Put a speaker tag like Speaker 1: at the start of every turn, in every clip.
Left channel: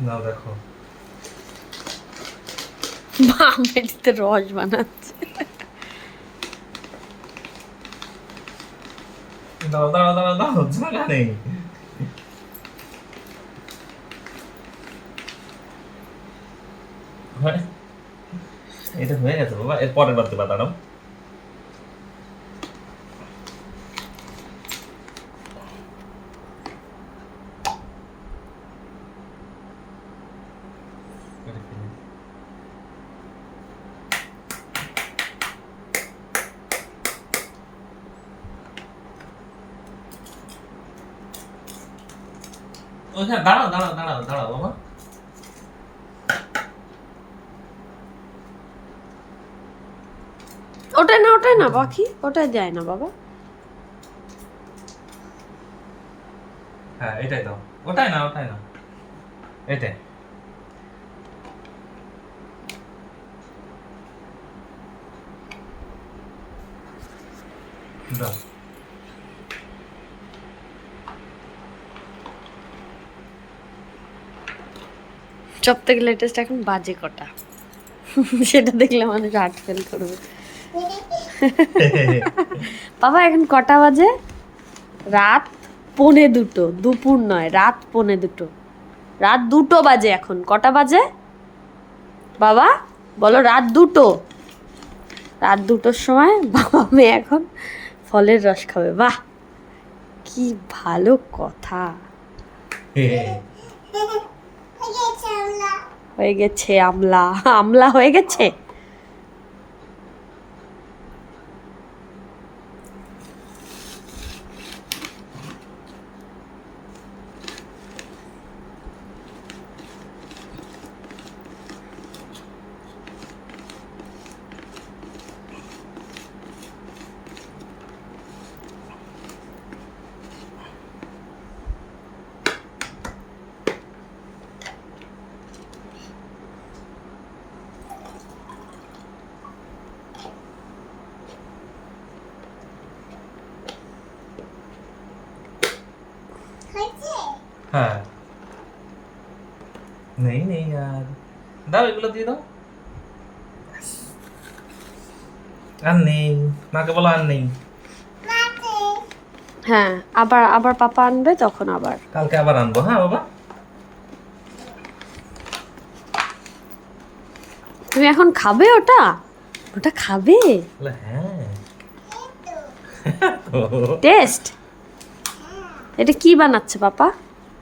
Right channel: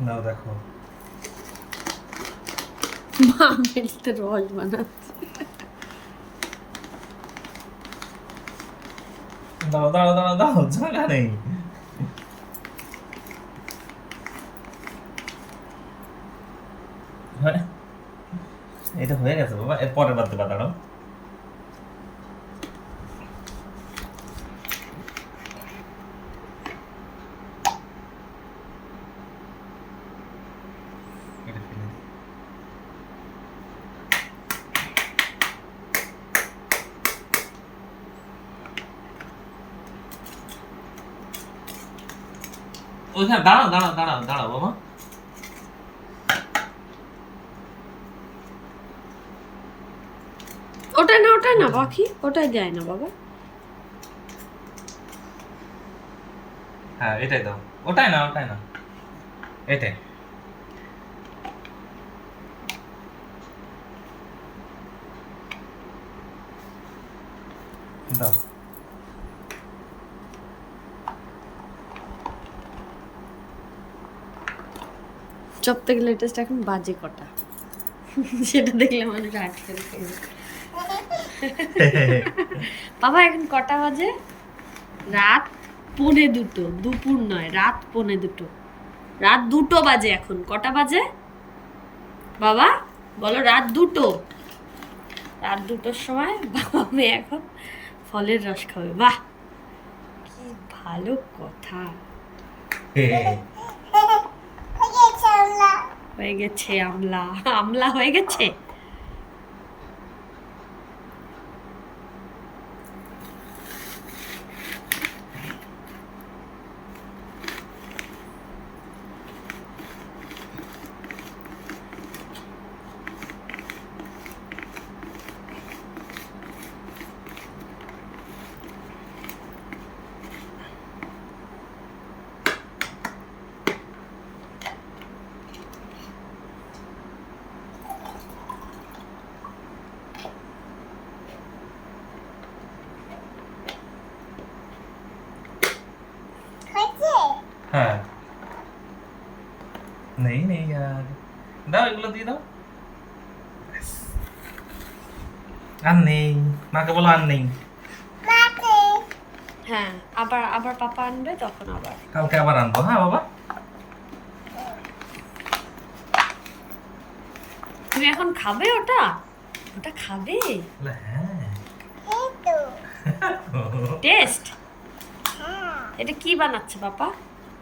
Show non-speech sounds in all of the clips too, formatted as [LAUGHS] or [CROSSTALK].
Speaker 1: নাও দেখো।
Speaker 2: মা মেডিতে রস বানাচ্ছে।
Speaker 1: দাঁড়াও দাঁড়াও দাঁড়াও দাঁড়াও জায়গা নেই। হয়ে- এটা হয়ে গেছে বাবা। এর পরের বার দেবা দাঁড়াও এটা ফেলে দিই। ওইখানে দাঁড়াও দাঁড়াও দাঁড়াও দাঁড়াও বাবা।
Speaker 2: ওটাই না ওটাই না পাখি ওটাই দেয় না বাবা।
Speaker 1: হ্যাঁ এটাই দাও। ওটাই না ওটাই না। এটাই। দাও।
Speaker 2: সব থেকে লেটেস্ট এখন বাজে কটা? সেটা দেখলে মানুষ হার্ট ফেল করবে। বাবা, এখন কটা বাজে? রাত পৌনে দুটো, দুপুর নয়, রাত পৌনে দুটো। রাত দুটো বাজে এখন, কটা বাজে? বাবা, বলো রাত দুটো। রাত দুটোর সময় বাবা মেয়ে এখন ফলের রস খাবে। বাহ, কি ভালো কথা। [LAUGHS] হয়ে গেছে আমলা। [LAUGHS] আমলা হয়ে গেছে?
Speaker 1: হ্যাঁ। নেই নেই আর দাও এগুলো দিয়ে দাও। আর নেই মাকে বলো আর নেই।
Speaker 2: হ্যাঁ আবার আবার পাপা আনবে তখন আবার।
Speaker 1: কালকে আবার আনব হ্যাঁ বাবা?
Speaker 2: তুমি এখন খাবে ওটা? ওটা খাবে?
Speaker 1: হ্যাঁ।
Speaker 2: টেস্ট? এটা কি বানাচ্ছে পাপা?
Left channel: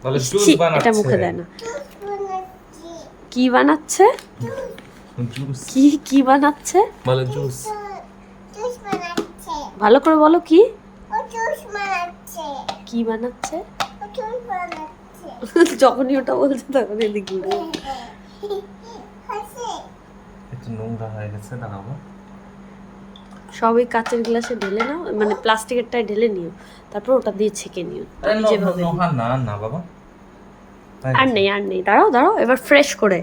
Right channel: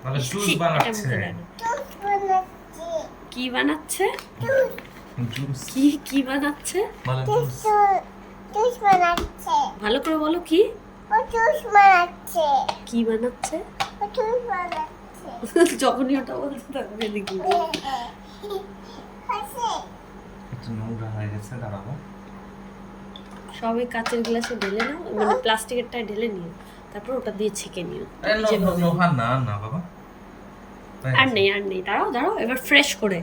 Speaker 1: বলে জুস বানাচ্ছে।
Speaker 2: এটা মুখে দেয় না। কি বানাচ্ছে?
Speaker 1: জুস।
Speaker 2: কি কি বানাচ্ছে?
Speaker 1: বলে জুস
Speaker 3: জুস। বানাচ্ছে।
Speaker 2: ভালো করে বলো কি?
Speaker 3: ও জুস বানাচ্ছে।
Speaker 2: কি বানাচ্ছে?
Speaker 3: ও জুস বানাচ্ছে। [LAUGHS]
Speaker 2: যখনই ওটা বলছে তখন [LAUGHS] এদিক
Speaker 1: নোংরা হয়ে গেছে দাঁড়াবো।
Speaker 2: সবই কাচের গ্লাসে ঢেলে নাও মানে প্লাস্টিকেরটায় ঢেলে নিও। তারপর ওটা দিয়ে ছেঁকে নিও। যেভাবে
Speaker 1: না না বাবা।
Speaker 2: আর নেই আর নেই। দাঁড়াও দাঁড়াও এবার ফ্রেশ করে।